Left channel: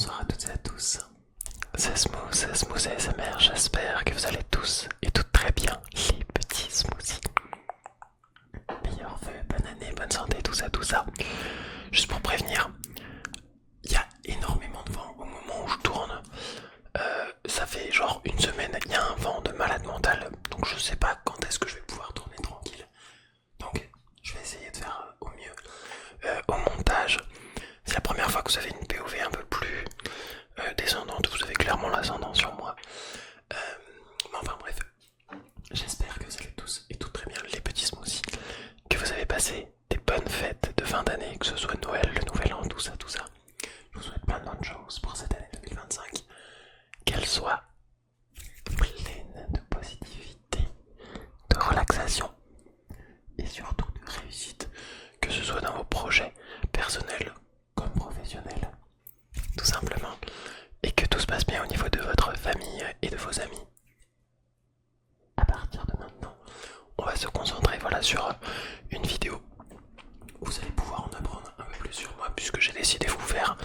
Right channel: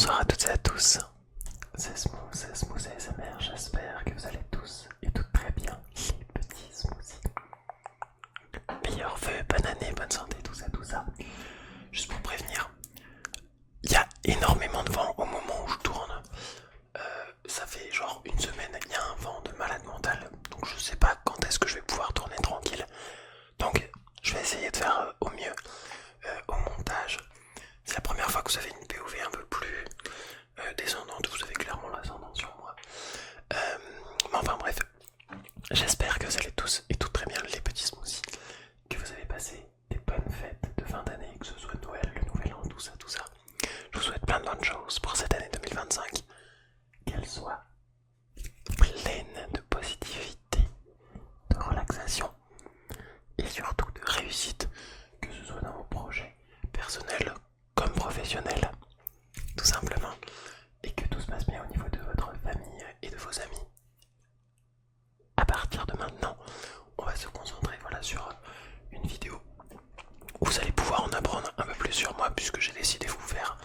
Bonsoir à toutes et à tous, c'est Smooth ASMR, j'espère que vous allez tous et toutes très bien, les petits smoothies. Meilleurs vœux, bonne année, bonne santé, tout ça. Juste pour prévenir, il y a énormément de vent au moment où je tourne. Ça fait genre une semaine, il y a un vent de malade mental, donc je sais pas quand est-ce que je vais pouvoir tourner tranquille. Donc je vais essayer de faire au mieux au montage. C'est la première fois que vous avez une POV un peu plus descendante, vous avez clairement l'ascendant sur moi. Mais enfin bref, j'espère que vous allez tous et toutes très bien, les petits smoothies, que vous avez passé des bonnes fêtes de fin d'année, que ce soit Noël, le Nouvel An, tout ça. Je vous souhaite plein de bonnes choses pour cette année 2025, qu'elle soit pleine de positivité, de relaxation et surtout de réussite, que ce soit dans vos projets personnels comme professionnels, tout simplement, et que tout se passe bien au niveau de votre famille et de vos amis. À partir de maintenant, on va se concentrer sur une vidéo où vous allez pouvoir en apprendre un peu plus sur moi, puisque j'ai décidé de vous faire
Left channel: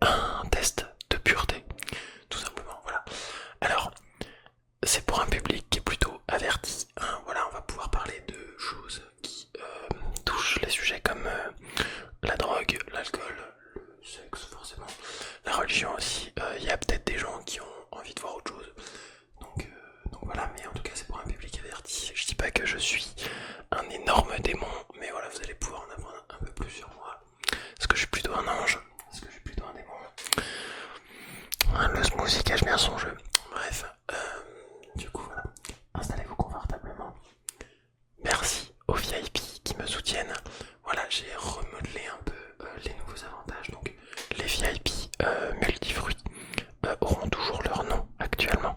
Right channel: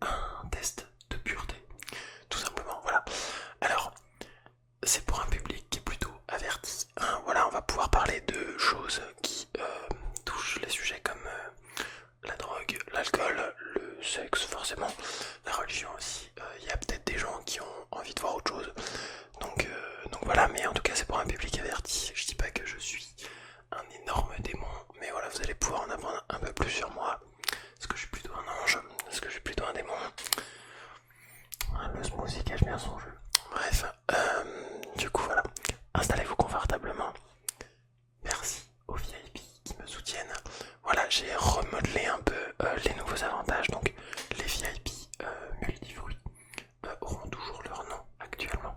un test de pureté, tout simplement. Voilà. Alors, c'est pour un public qui est plutôt averti. Hein. Voilà, on va pouvoir parler de choses qui touchent les sujets comme la drogue, l'alcool, le sexe, forcément, la religion aussi. Il y a peut-être des gens qui ont envie de voir autre chose. Donc voilà, mais en tout cas c'est pour un public averti. Je dis pas que je suis un énorme démon, mais voilà, vous allez pouvoir en apprendre un peu plus sur moi. Est-ce que je suis plutôt un ange? Est-ce que je suis plutôt un démon? Le smoothie cache bien son jeu. Bref, du coup voilà, installez-vous confortablement. Merci aux VIP qui me soutiennent. Voilà, j'ai remodelé un peu les nouveaux avantages. Donc les VIP multifruits auront toujours leur nom actuellement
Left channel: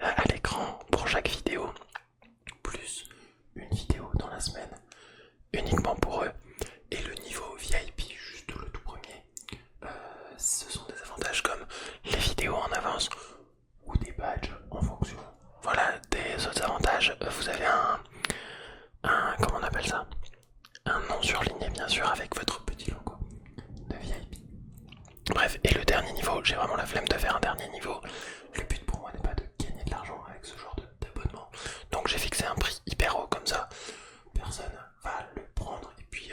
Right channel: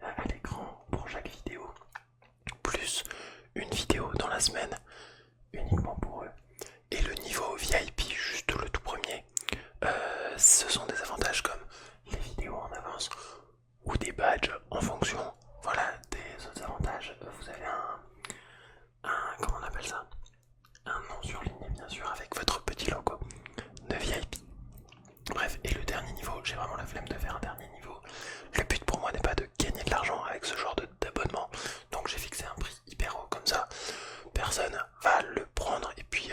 à l'écran pour chaque vidéo, plus une vidéo dans la semaine uniquement pour eux. Et le niveau VIP, juste le tout premier, ce sont des avantages comme les vidéos en avance ou des badges en fonction. Voilà, des autres avantages. Vous avez comment on appelle ça? Un nom surligné bien sûr avec votre petit logo de VIP. Bref, et le dernier niveau, j'ai vraiment la flemme de faire un dernier niveau. Le but pour moi n'est pas de gagner de l'argent avec ce genre d'abonnement. Donc j'ai fixé un prix hyper haut comme ça. Personne va le prendre et puis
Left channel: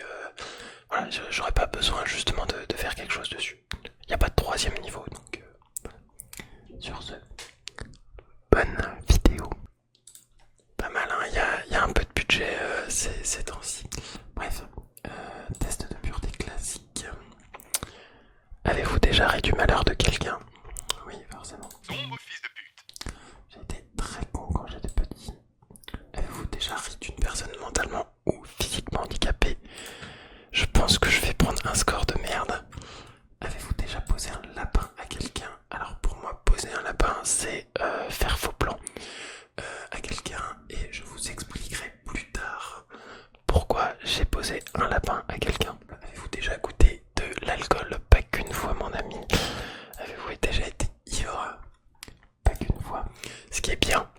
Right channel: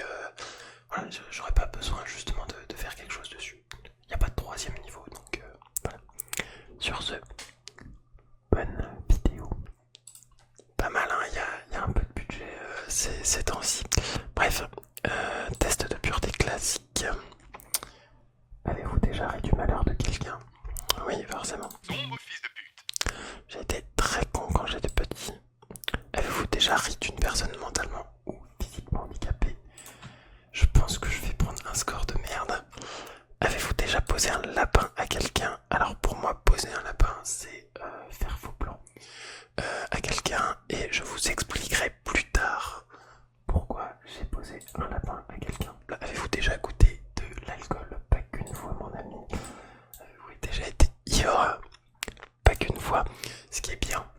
voilà, j'aurais pas besoin justement de faire quelque chose dessus. Il n'y a pas de troisième niveau, donc voilà. Sur ce, bonne vidéo. Pas mal, hein, il y a un peu de budget ces temps-ci. Bref, test de pureté classique. Avez-vous déjà ri du malheur de quelqu'un? Oui, forcément. Sombre fils de pute. J'ai été très con quand j'étais petit. Avez-vous déjà ri d'une personne mentalement ou physiquement handicapée? Je pense que je vais prendre un score de merde. Avez-vous déjà posé un lapin à quelqu'un? Alors pour moi, poser un lapin, c'est faire faux plan à quelqu'un, et je vous expliquerai plus tard pourquoi j'ai posé un lapin à quelqu'un. Avez-vous déjà goûté de l'alcool? Pas qu'une fois, mon ami. Avez-vous déjà été ivre? Pas qu'une fois. Ce qui est bien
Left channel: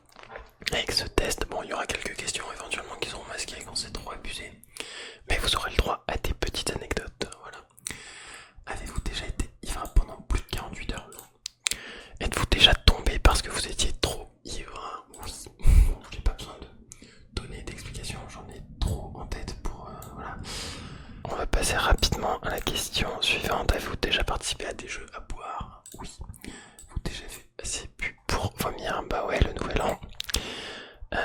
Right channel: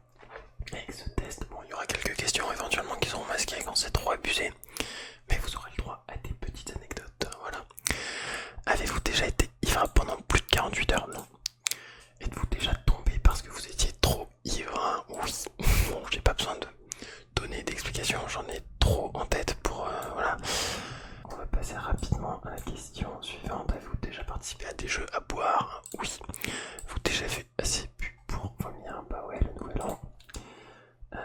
avec ce test, bon, il y aura quelques questions éventuellement qui seront masquées quand c'est trop abusé, mais vous aurez le droit à des petites anecdotes. Voilà. Avez-vous déjà été ivre pendant plus de 48 heures? Non. Êtes-vous déjà tombé parce que vous étiez trop ivre? Oui. Bon, j'ai pas besoin de donner d'explications, j'en ai trop en tête pour voilà. On va passer rapidement à la question suivante. Avez-vous déjà participé à des jeux à boire? Oui. Vous déjà fait assez bu pour vomir? Bah ouais, le nouvel an.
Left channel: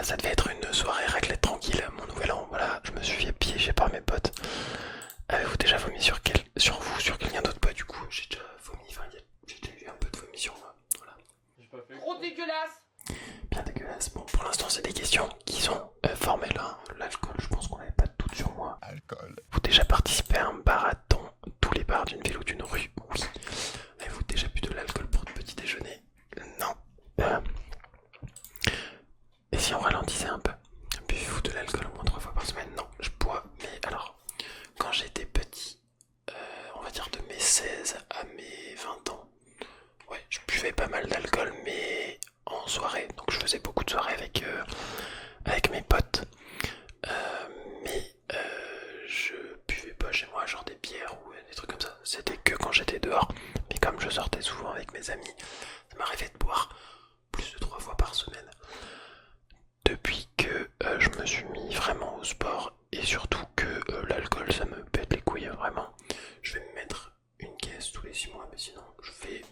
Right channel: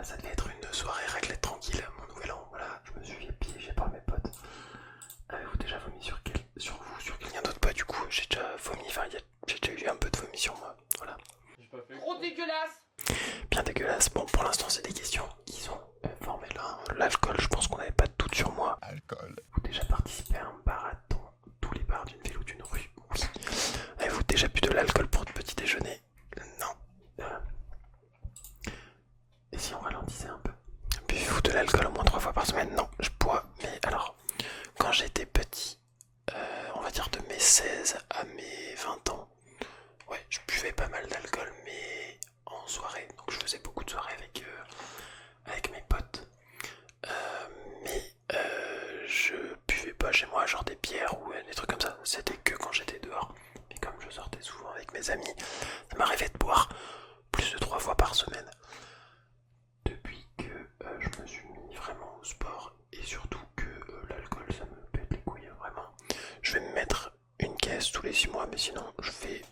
Ça devait être une soirée raclette tranquille, mon nouvel an. Voilà, je me suis fait piéger par mes potes. Avez-vous déjà vomi sur vous, sur quelqu'un d'autre? Pas du coup, j'ai déjà vomi, enfin j'ai déjà eu un peu de vomi sur moi. Voilà. Trop dégueulasse. Bien dégueulasse. Bon, pour l'instant, c'est des questions qui sont formelles. Hein. L'alcool, je pense qu'on n'avait pas de doute sur moi. Alcool. Avez-vous déjà participé à un marathon? Tous les bars d'une ville ou d'une rue? Oui. Avez-vous déjà bu de l'alcool pour le petit déjeuner? Non. Et si on ralentissait un peu? Buvez-vous de l'alcool au moins 3 fois par semaine? Non, je bois. Mais alors, quand j'étais petit, on va dire de mes 16 à mes 20 ans, ouais, je buvais pas mal d'alcool, mais en soirée. Donc je faisais beaucoup de soirées avec mes potes. Mais je buvais pas chez moi, genre des bières ou des trucs comme ça. C'était que quand j'étais dehors. Mais comme je sortais souvent avec mes amis, ça m'arrivait de boire plus de 3 fois par semaine. Depuis que je me suis mis vraiment au sport et surtout que l'alcool ça me pète les couilles vraiment. Je vais me mettre une caisse tous les 6 mois, mais sinon je fais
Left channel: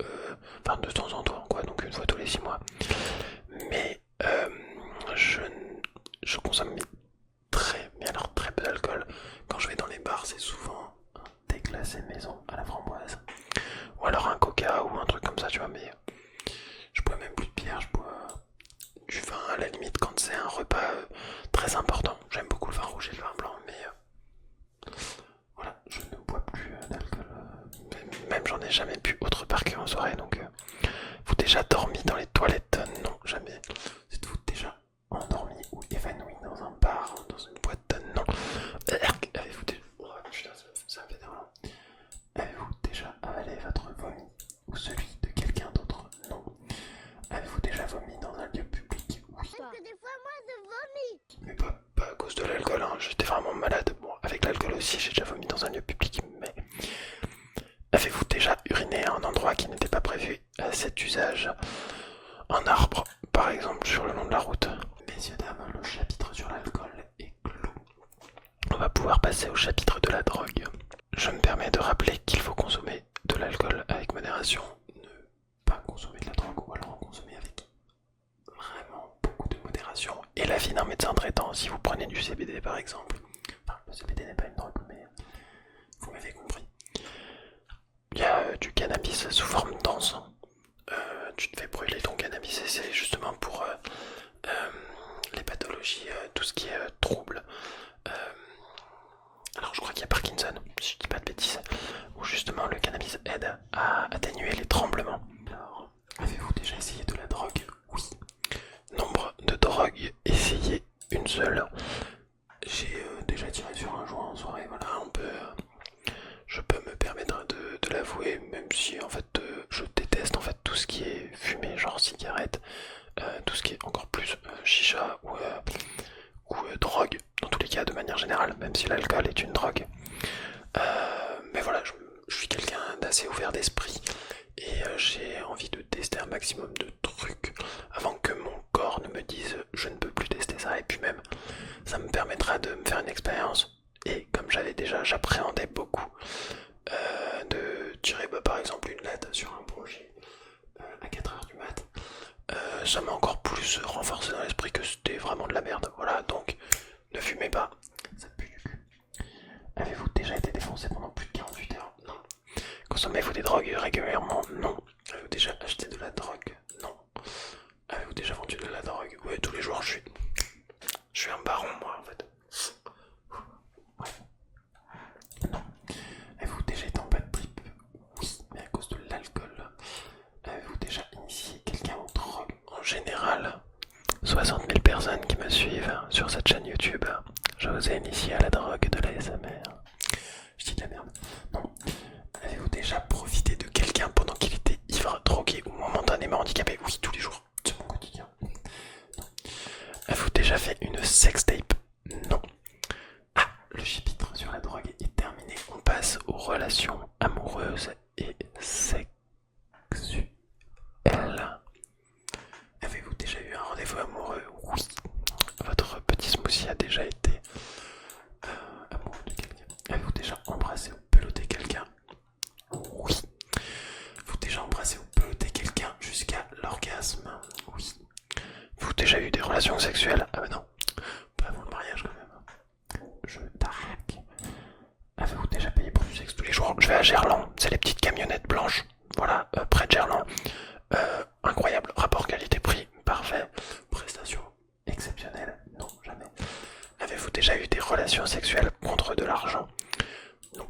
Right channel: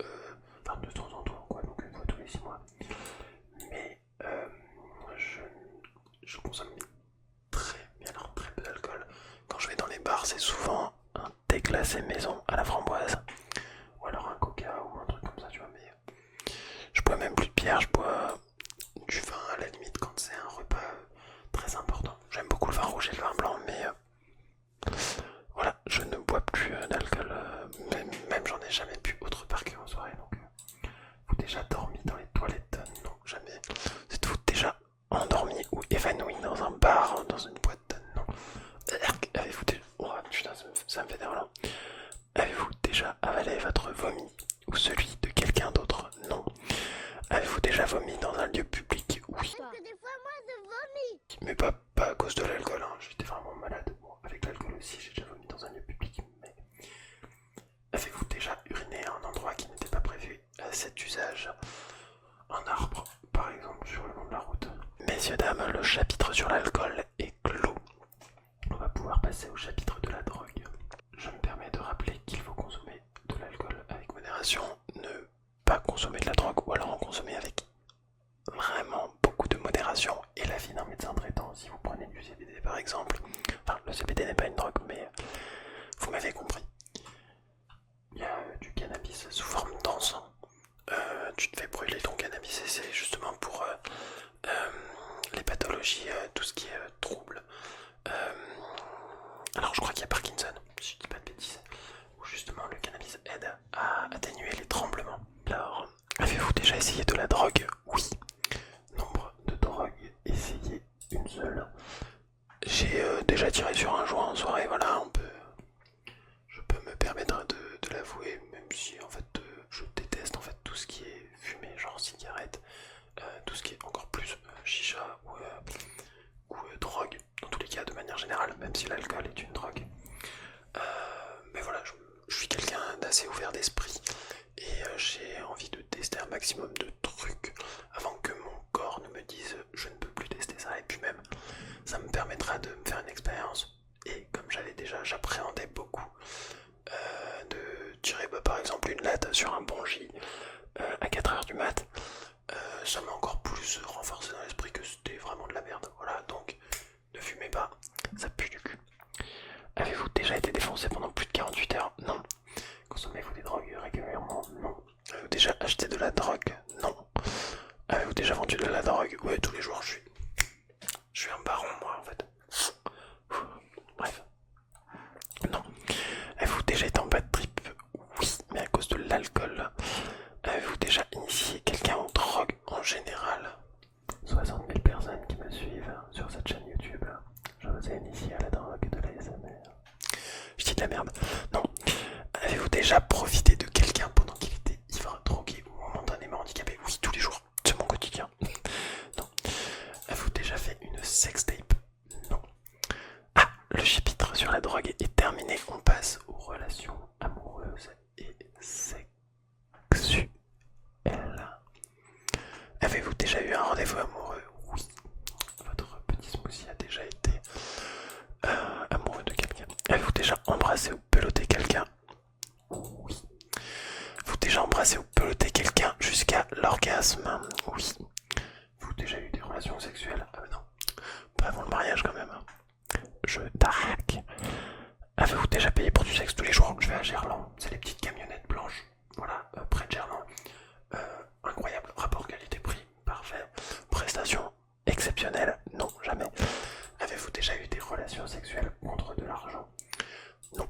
enfin de temps en temps quoi, donc une fois tous les 6 mois. Mais je consomme très peu d'alcool. Quand je vais dans les bars, c'est souvent un thé glacé maison à la framboise ou alors un coca ou un truc comme ça, tu vois. Mais je bois même plus de bière, je bois du vin à la limite quand c'est un repas très important. J'aime beaucoup le vin rouge et le vin blanc, mais voilà, je ne bois plus d'alcool. Même j'en ai jamais bu autre part qu'en soirée. Donc, vous déjà dormi dans les toilettes? Non, jamais. Vous êtes-vous déjà endormi ou évanoui dans un bar, dans une boîte? Non. Avez-vous déjà... Oh putain, ça me fait des relents. Avez-vous déjà avalé votre vomi ou celui de quelqu'un d'autre? Non. Avez-vous déjà vomi dans un lieu public? Oui. Parce que des fois, moi, je vomis. Mais pas à cause de l'alcool, hein. J'étais vraiment malade. Bon, avec l'alcool aussi, j'ai déjà vomi dans un lieu public, mais... Avez-vous déjà uriné à un endroit qui n'était pas prévu à cet usage? Un arbre, par exemple, sur le long de la route. Messieurs, dames, le chapitre sur l'alcool est clos. On va pouvoir passer au chapitre de la drogue. Je me permets de rappeler qu'il faut consommer de l'alcool avec modération, ne pas consommer de la drogue ou alors en consommer avec vraiment beaucoup de modération. Et l'avis d'un médecin traitant, si vous prenez du CBD par exemple, enfin le CBD n'est pas une drogue mais vous m'avez compris. Il y a du cannabis sous forme d'encens. Tu te fais brûler ton cannabis et c'est justement pour les pathologies, tout ce qui est trouble. Alors je crois qu'il y a Parkinson, si je dis pas de bêtises, où justement le cannabis aide à atténuer les tremblements. Alors, avez-vous déjà essayé de la drogue? Oui. Nombre de drogues essayées, une seule. J'ai déjà tiré sur un joint en soirée, voilà, je peux me permettre de l'avouer, même si en fait je déteste en fait tout ce qui est fumé, genre cigarette, tout ce qui est encore plus chicha ou drogue, dans tous les cas de manière générale, même si l'alcool est une drogue. Mais voilà, je suis quelqu'un d'assez ouvert d'esprit et j'ai envie de tester un maximum de trucs avant que mon corps ne me dise je ne peux plus tester ça, et puis même ça me permettra de me faire une expérience. Et comme j'appréhendais beaucoup de tirer par exemple une latte sur un bongee à 4h du mat, ça m'a encore plus renforcé dans l'esprit que c'était vraiment de la merde. Voilà, donc ne fumez pas, ça pue du cul. Avez-vous déjà été défoncé pendant plus de 48 heures? Non. Consommez-vous des drogues régulièrement? Non. Avez-vous déjà acheté de la drogue? Non. Avez-vous déjà vendu de la drogue? Ouais, tous les jours je suis un baron moi en fait. Bref. Non. Avez-vous déjà été en bad trip? Oui, mais à cause de l'alcool. Avez-vous déjà initié quelqu'un aux drogues en général? 60 000 personnes qui me suivent sur cette chaîne YouTube. Je vous ai initié à la drogue de l'ASMR. Je dis de la merde. Non. Avez-vous déjà profité de quelqu'un pendant qu'il était ivre, drogué ou momentanément handicapé? Oui, tous les jours. C'est mon quotidien. Non. Avez-vous déjà fait une sextape? Non. Ah, le chapitre sur la drogue est terminé. On passe aux relations amoureuses et sexuelles. Avez-vous déjà eu un rendez-vous amoureux? Oui. Votre petit smoothie a déjà été amoureux de quelqu'un. Avez-vous déjà embrassé ou pelotté quelqu'un? Oui. Avez-vous déjà embrassé ou pelotté quelqu'un jusqu'à l'orgasme? Oui. Avez-vous déjà eu des relations sexuelles? Ah bah non. Pas avant le mariage quand même. Je t'arraque. Avez-vous déjà payé pour du sexe tous les jours? Je vais à Gerland. C'est les petites camionnettes blanches. Voilà, près de Gerland. Incroyable. Rapport qualité-prix. Parfait. Prestation exceptionnelle. Non, jamais. Avez-vous déjà eu des relations sexuelles contre de l'argent? Non.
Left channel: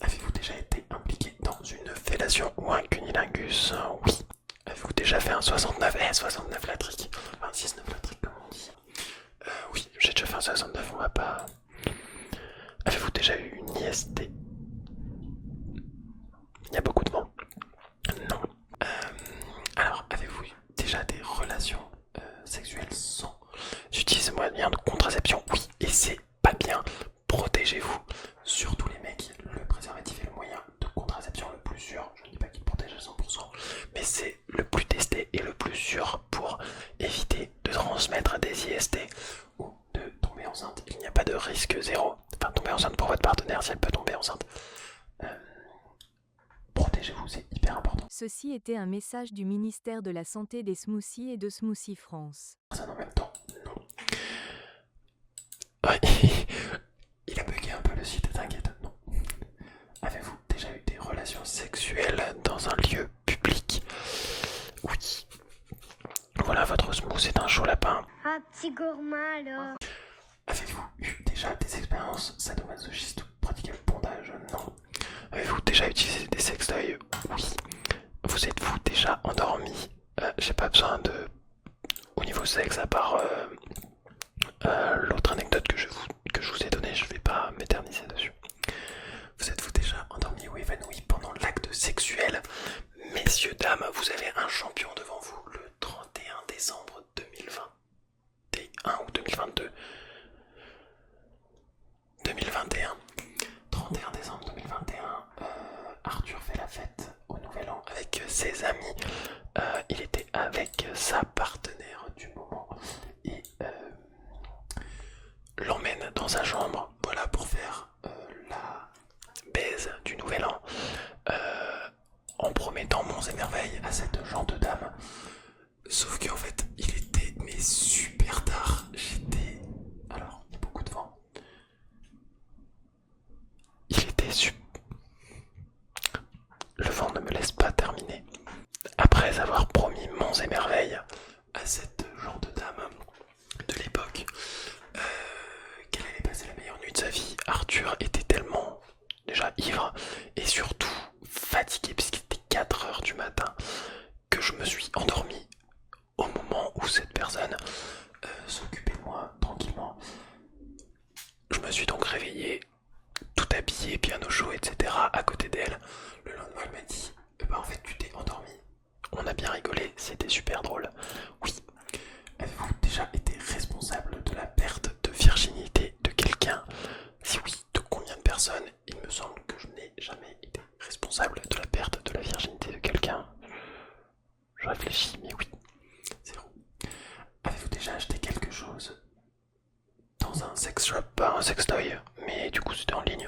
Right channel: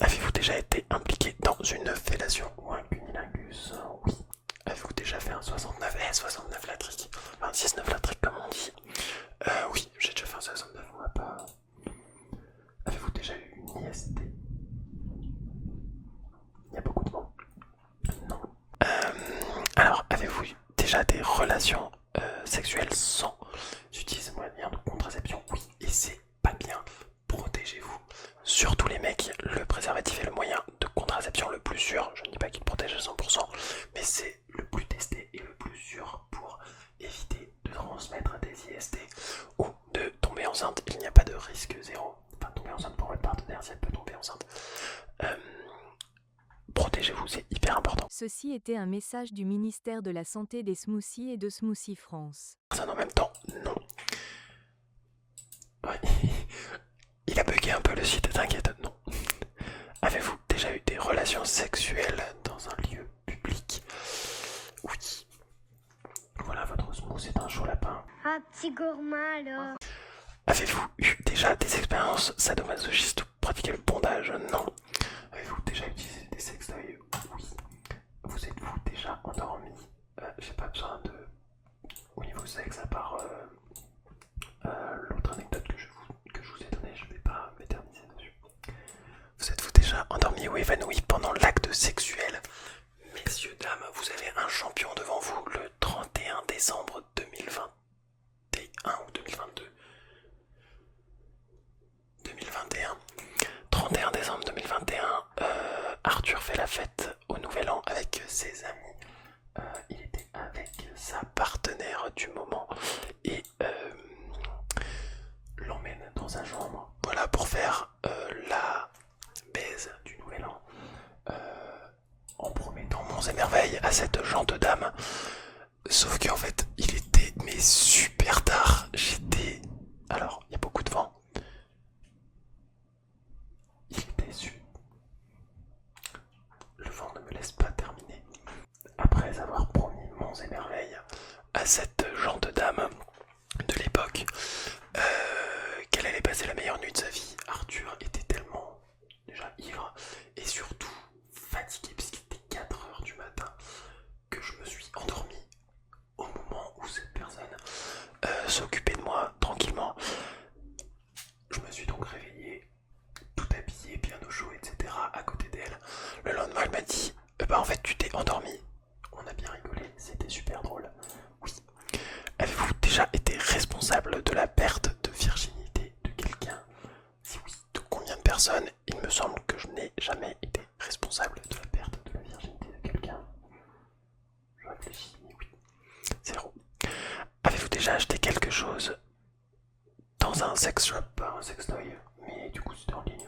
Avez-vous déjà été impliqué dans une fellation ou un cunilingus? Oui. Avez-vous déjà fait un 69? 69 latrique. Enfin, 6-9 latrique comme on dit. Oui, j'ai déjà fait un 69, on va pas... Avez-vous déjà eu une IST? Il y a beaucoup de vent. Non. Alors, avez-vous déjà des relations sexuelles sans utiliser moyen de contraception? Oui, et c'est pas bien. Protégez-vous. Surtout les mecs, le préservatif est le moyen de contraception le plus sûr. qui te protège à 100%, mais c'est le plus testé et le plus sûr pour éviter de transmettre des IST ou de tomber enceinte. Il n'y a pas de risque zéro. Enfin, tomber enceinte pour votre partenaire si elle peut tomber enceinte. Protégez-vous, c'est hyper important. Ceci était un message du ministère de la Santé des Smoothies et de Smoothie France. Personne en même temps, non. Ouais, il a bugué un peu le site, t'inquiète, non. Avez-vous déjà eu des relations sexuelles dans un lieu public? Oui. Voilà, votre smoothie est un chaud lapin. Un petit gourmand alors. Avez-vous eu déjà des expériences sadomasochistes ou pratiqué le bondage? Non. Avez-vous déjà utilisé des sextoys? Oui. Vous êtes-vous déjà endormi? J'ai pas besoin de... Au niveau sexe, à part l'autre anecdote que je vous ai donnée, je vais pas m'éterniser dessus. Vous êtes-vous déjà endormi ou évanoui pendant l'acte sexuel? Messieurs, dames, vous avez un champion devant vous le 31 décembre 2021 ou 2022. 2021. 31 décembre 2021, Arthur fait la fête au Nouvel An avec ses amis. Il était avec sa partenaire du moment et l'emmène dans sa chambre, voilà, pour faire la baise du Nouvel An, en promettant monts et merveilles à cette gente dame. Sauf qu'en fait, il était mais super tard. Alors, il y a beaucoup de vent. Le vent ne me laisse pas terminer. Après avoir promis monts et merveilles à cette gente dame de l'époque, qu'elle allait passer la meilleure nuit de sa vie, Arthur était tellement déjà ivre et surtout fatigué puisqu'il était 4 heures du matin que je me suis endormi au moment où cette personne s'occupait de moi tranquillement. Je me suis donc réveillé tout habillé, bien au chaud, etc. à côté d'elle. Le lendemain, elle m'a dit en fait, tu t'es endormi. On a bien rigolé, c'était super drôle. Oui. Avez-vous déjà été responsable de la perte de virginité de quelqu'un? Si oui, de combien de personnes? Il me semble que je n'ai jamais été responsable de la perte de la virginité de quelqu'un. Je réfléchis, mais oui. 0. Avez-vous déjà acheté quelque chose dans un sex shop, pas un sextoy, mais du coup c'était en ligne?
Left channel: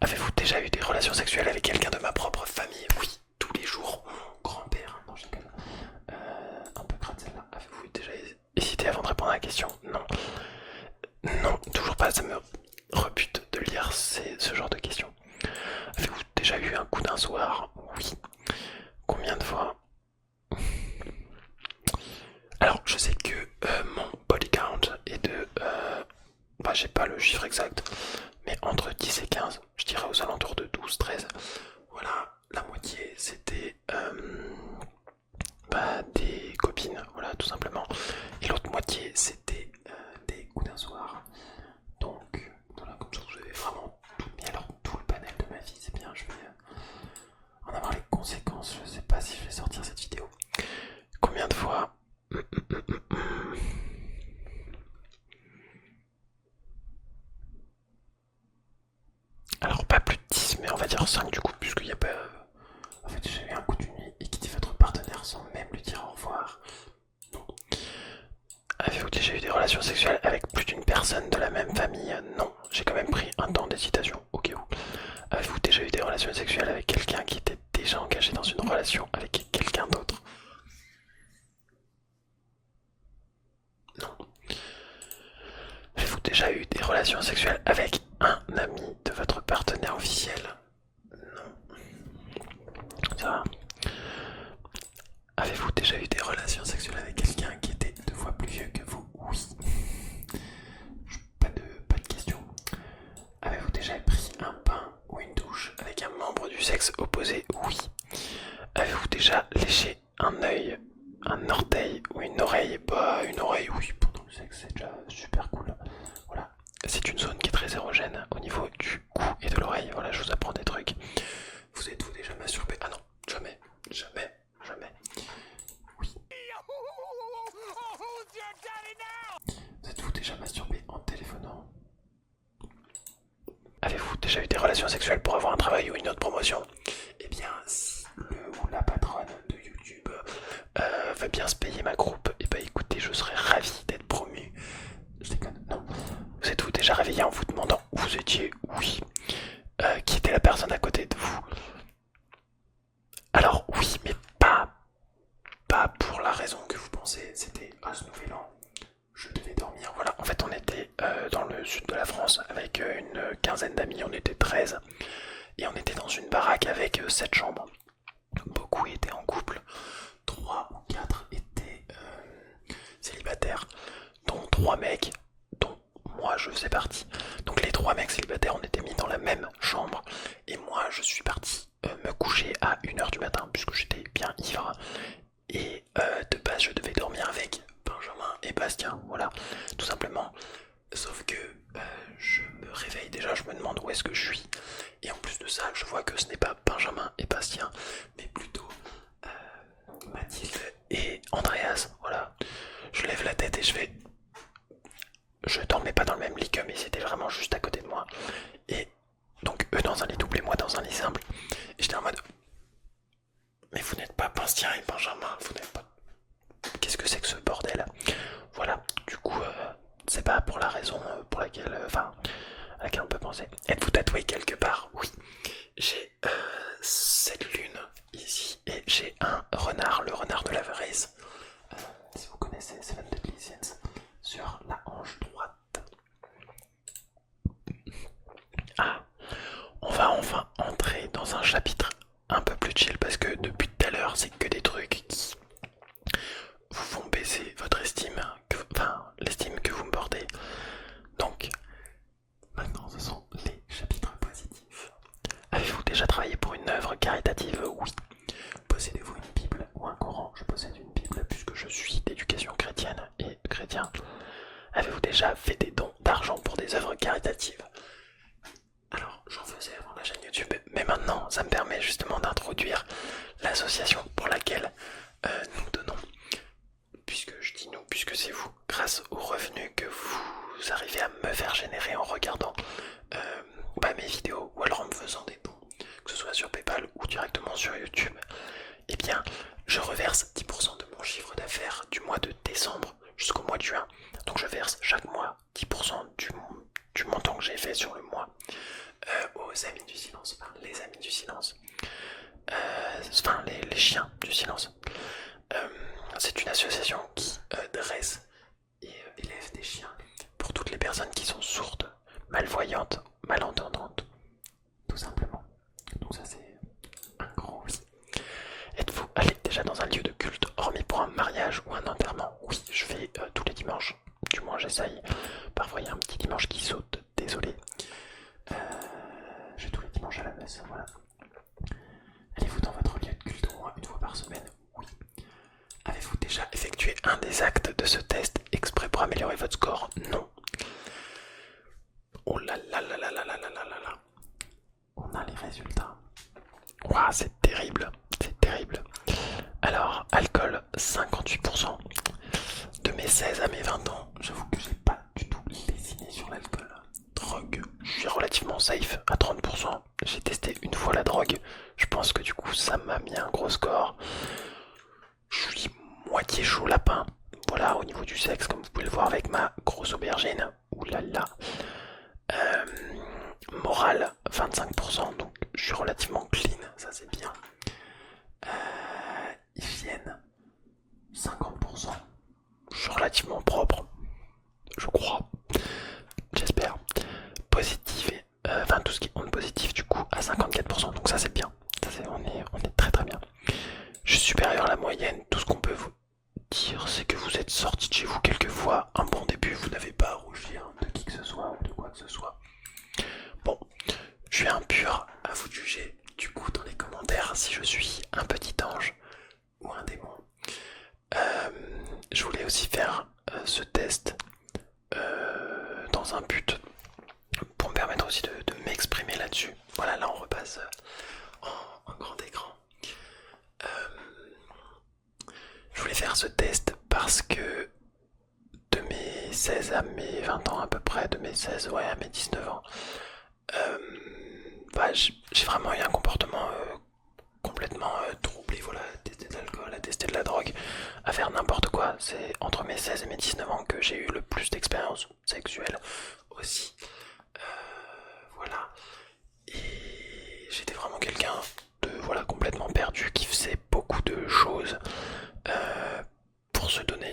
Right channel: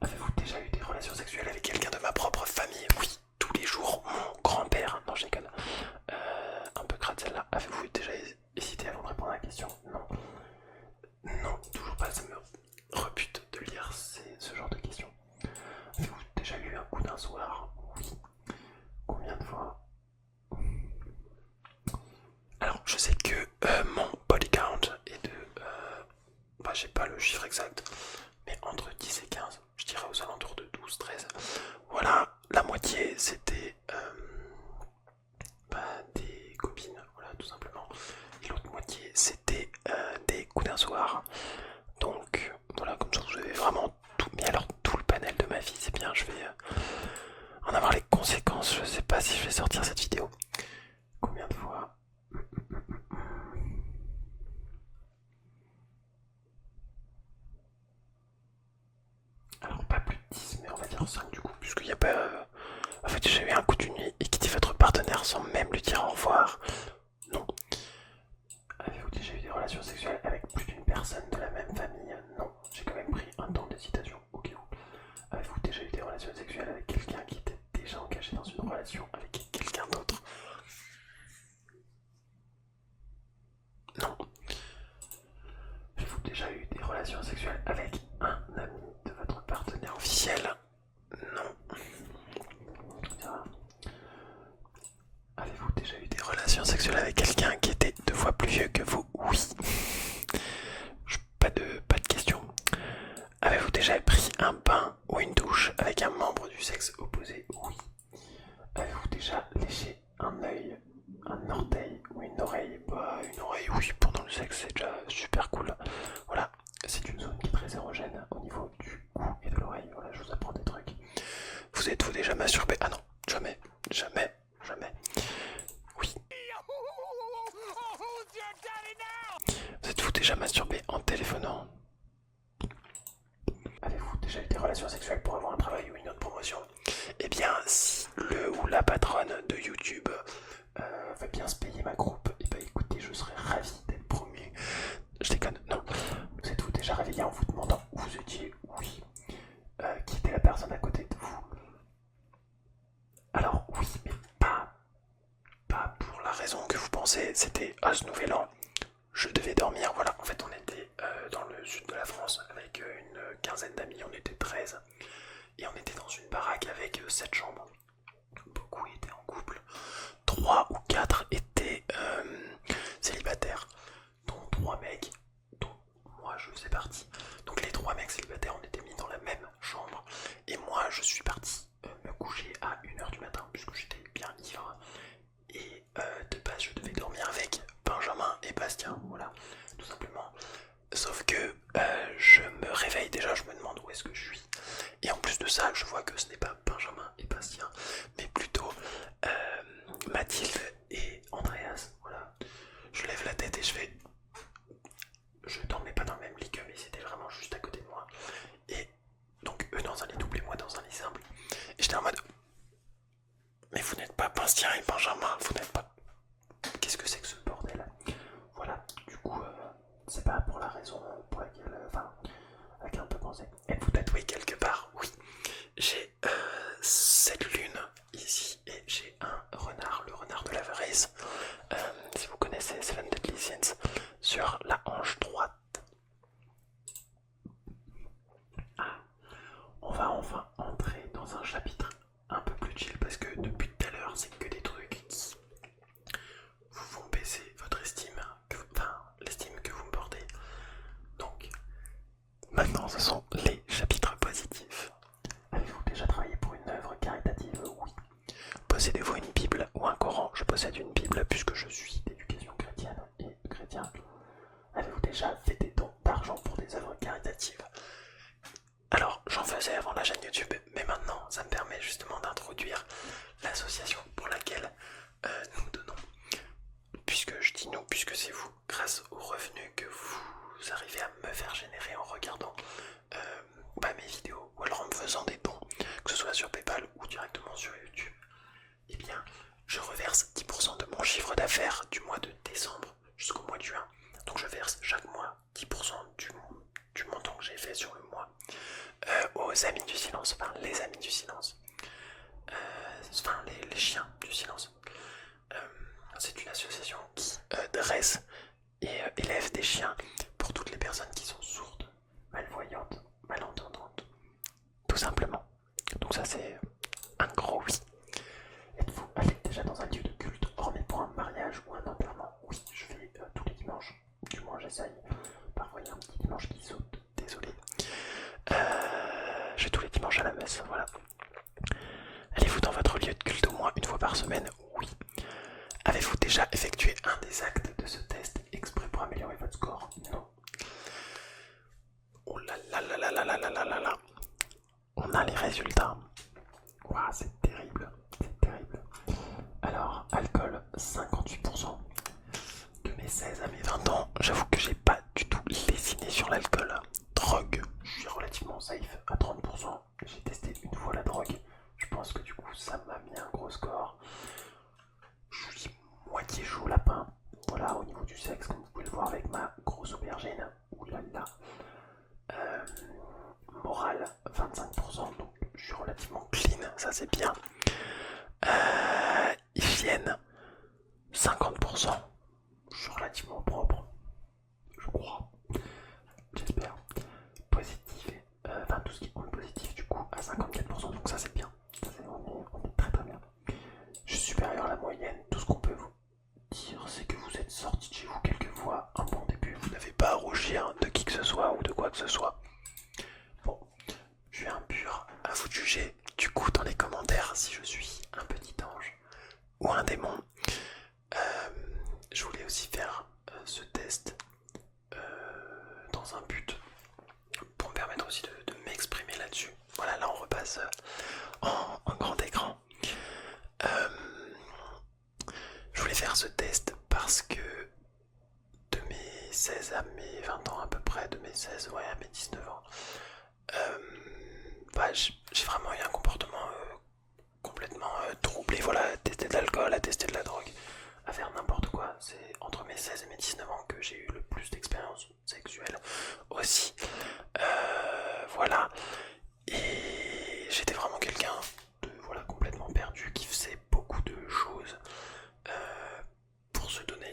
Avez-vous déjà eu des relations sexuelles avec quelqu'un de ma propre famille? Oui, tous les jours, mon grand-père. Non, je déconne. Un peu crade celle-là. Avez-vous déjà hésité avant de répondre à la question? Non. Non, toujours pas, ça me rebute de lire ce genre de questions. Avez-vous déjà eu un coup d'un soir? Oui. Combien de fois? Alors, je sais que mon body count est de... j'ai pas le chiffre exact, mais entre 10 et 15, je dirais aux alentours de 12, 13. Voilà, la moitié c'était des copines, voilà, tout simplement. Et l'autre moitié c'était des coups d'un soir. Donc, voilà, comme ça vous avez vraiment tout. Mais alors, tout le panel de ma vie, c'est bien, je vais en avoir les conséquences. Je sais pas si je vais sortir cette vidéo. Combien de fois? Alors pas plus de 10, mais on va dire 5 du coup, puisqu'il n'y a pas... En fait, j'ai eu un coup de nuit et quitter votre partenaire sans même lui dire au revoir. Non. Avez-vous déjà eu des relations sexuelles avec plus d'une personne de la même famille? Non. J'ai quand même pris un temps d'hésitation, au cas où. Avez-vous déjà eu des relations sexuelles avec quelqu'un qui était déjà engagé dans une relation avec quelqu'un d'autre? Non. Avez-vous déjà eu des relations sexuelles avec un ami de votre partenaire officiel? Non. Ça va. Avez-vous déjà eu des relations sexuelles avec quelqu'un qui était 2 fois plus vieux que vous? Oui. Pas de questions. Avez-vous déjà pris un bain ou une douche avec un membre du sexe opposé? Oui. Avez-vous déjà léché un œil, un orteil ou une oreille? Une oreille, oui, pendant le sexe, c'est déjà super cool. Voilà, c'est une zone qui est très érogène au niveau du cou et de l'oreille. Voilà, je vous apprends des trucs. Vous êtes-vous déjà masturbé? Ah non, jamais, jamais, jamais. Oui. Vous êtes-vous déjà masturbé en téléphonant? Avez-vous déjà eu des relations sexuelles pour avoir un travail ou une autre promotion? Eh bien, si commencé, c'était ce nouvel an. Je devais dormir, voilà, en fait on était dans le sud de la France avec une quinzaine d'amis, on était 13 et on était dans une baraque avec 7 chambres. Beaucoup étaient en couple, 3 ou 4 étaient célibataires, dont 3 mecs, dont moi je faisais partie. Donc les 3 mecs célibataires, on était mis dans la même chambre et moi je suis parti me coucher à 1h du matin puisque j'étais bien ivre. Et de base je devais dormir avec Benjamin et Bastien, voilà, tout simplement. Sauf que je me réveille déjà, je me demande où est-ce que je suis. Et en plus de ça, je vois que ce n'est pas Benjamin et Bastien, mais plutôt Mathilde et Andreas, voilà. Je lève la tête et je fais... Je dormais pas dans le même lit qu'eux, mais c'était vraiment juste à côté de moi. Et donc eux dans un lit double et moi dans un lit simple. Et j'étais en mode... Mais vous n'êtes pas Bastien et Benjamin, vous n'êtes pas... Qu'est-ce que c'est que ce bordel? Voilà, du coup, c'est pas pour la raison pour laquelle... Enfin, à laquelle on peut penser. Êtes-vous tatoué quelque part? Oui. J'ai cette lune ici et j'ai un renard, le renard de la Varese. Si vous connaissez Seven Deadly Sins, sur la hanche droite. Ah, on va enfin entrer dans un chapitre un peu plus chill parce que depuis tout à l'heure c'est que des trucs qui vous font baisser votre estime, enfin l'estime que vous me portez. Donc maintenant ce sont les chapitres positifs. Avez-vous déjà travaillé pour une œuvre caritative? Oui. Possédez-vous une Bible ou un Coran? Je possède une Bible puisque je suis d'éducation chrétienne et chrétien. Avez-vous déjà fait des dons d'argent pour des œuvres caritatives? Alors, j'en faisais avant la chaîne YouTube, mais maintenant, ça me permet justement d'introduire l'association pour laquelle nous donnons. Puisque je dis nous, puisque c'est vous, grâce aux revenus que vous arrivez à me faire générer en regardant mes vidéos ou alors en me faisant des dons, que ce soit sur PayPal ou directement sur YouTube, eh bien, je reverse 10% de mon chiffre d'affaires du mois de décembre jusqu'au mois de juin. Donc je verse chaque mois 10% du montant que j'ai fait sur le mois aux Amis du Silence, enfin les Amis du Silence, enfin les chiens du silence. C'est une association qui dresse et élève des chiens pour toutes les personnes qui sont sourdes, malvoyantes, malentendantes, tout simplement. Donc ça c'est un gros oui. Êtes-vous allé déjà dans un lieu de culte, hormis pour un mariage ou un enterrement? Oui, je vais tous les dimanches, du moins j'essaye. Parfois il y a un petit dimanche qui saute, désolé. Je vais tous les dimanches à la messe, voilà. Allez-vous dans votre lieu de culte au moins une fois par semaine? Oui. Avez-vous déjà effectué un des actes de ce test exprès pour améliorer votre score? Non. Oh là là là là là là là là là là. On a les résultats. Waouh, c'est terrible, c'est terrible. Alors, alcool, 58%. De mes 16 à mes 20 ans, j'avoue que j'ai pas du tout lésiné sur l'alcool. Drogue, je suis relativement safe à 30%. J'ai testé une fois la drogue. Je pense que du coup, ça m'a mis un gros score. Je suis moitié chaud lapin. Voilà, au niveau du sexe, comme vous pouvez le voir avec ma grosse aubergine. Ouh là là. Morale, 25%. Donc, je suis relativement clean, ça c'est bien. Hygiène, 50%. Je suis relativement propre, je crois, j'espère. Positif, enfin tout ce qui est onde positif du coup à 54%, donc ça c'est bien. Ça, on est très très bien. Je suis supérieur à la moyenne. Tout ce qu'on peut vous dire, c'est que vous êtes sorti de chez vous quelques fois. Un bon début, vous n'avez pas à rougir de qui que ce soit ou de quoi que ce soit. Bon, je suis impur, à vous de juger. Du coup, dans les commentaires, si je suis un petit ange ou un démon. Je voulais aussi faire ce test dans un but pour me permettre aussi de m'exprimer là-dessus. Voilà, là on repasse en grand écran. Je voulais faire ce test parce que de mes 16 à mes 20 ans à peu près, de mes 16 à mes 19 ans, j'ai vraiment eu un comportement complètement troublé, voilà, à tester de l'alcool, à tester de la drogue, à faire n'importe quoi. C'est entre mes 16 et mes 19 ans que j'ai eu le plus d'expérience sexuelle aussi. Voilà. Et j'étais vraiment quelqu'un de complètement perdu, qui faisait beaucoup de choses pour se donner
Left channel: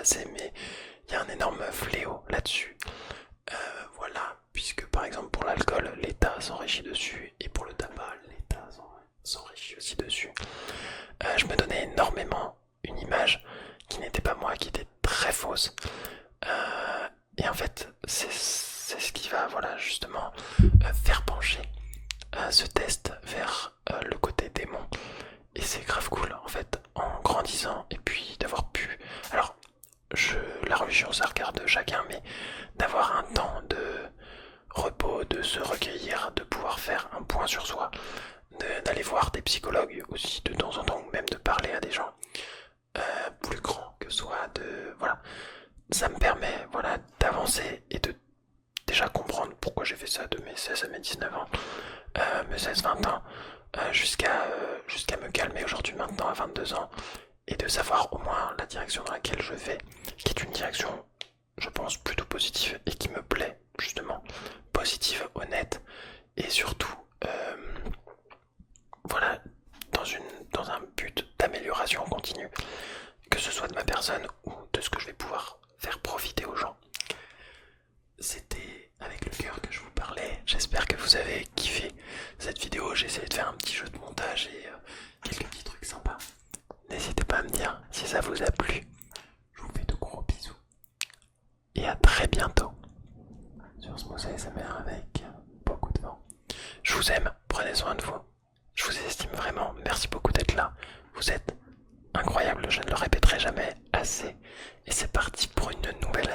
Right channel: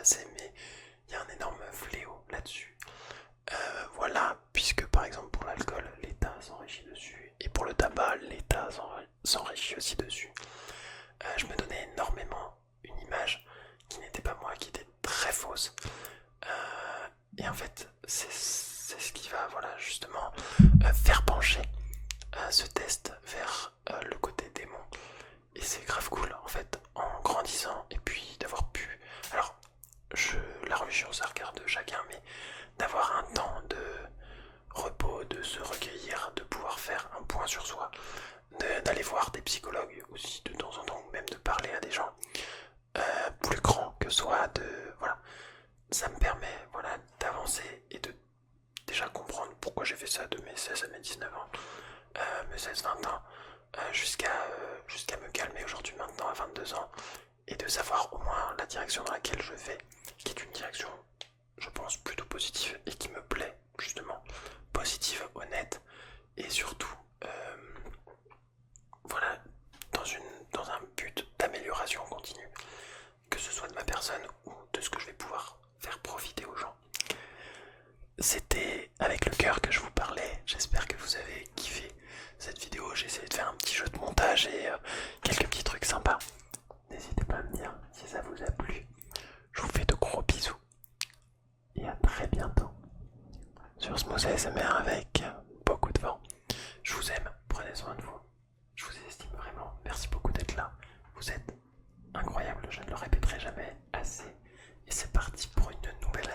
assez, mais il y a un énorme fléau là-dessus. Voilà, puisque par exemple pour l'alcool, l'État s'enrichit dessus, et pour le tabac, l'État s'enrichit aussi dessus. Je me donnais énormément une image qui n'était pas moi, qui était très fausse. Et en fait, c'est ce qui va, voilà, justement, faire pencher ce test vers le côté démon. Et c'est grave cool, en fait, en grandissant, et puis d'avoir pu... Alors, la religion, ça regarde chacun, mais d'avoir un temps de repos, de se recueillir, de pouvoir faire un point sur soi, d'aller voir des psychologues aussi de temps en temps, ou même de parler à des gens plus grands que soi, voilà, ça me permet, voilà, d'avancer et de déjà comprendre pourquoi j'ai fait ça de mes 16 à mes 19 ans, mes 16-20 ans, jusqu'à me calmer aujourd'hui maintenant à 22 ans, et de savoir au moins la direction dans laquelle je vais, qui est une direction, je pense, plutôt positive et qui me plaît, justement, positive, honnête, et surtout, voilà, dans un but d'amélioration continue, que ce soit de ma personne ou de ce que je vais pouvoir faire profiter aux gens. C'était avec le cœur que je vous parlais, j'espère que vous avez kiffé cette vidéo, j'ai essayé de faire un petit jeu de montage et quelques petits trucs sympas. N'hésitez pas à me dire si ça vous a plu, je vous fais de gros bisous et à très bientôt sur Smooth ASMR avec beaucoup de vent. Je vous aime, prenez soin de vous, je vous estime vraiment, merci beaucoup d'être là, vous êtes incroyable, je ne le répéterai jamais assez, et c'est parti pour une nouvelle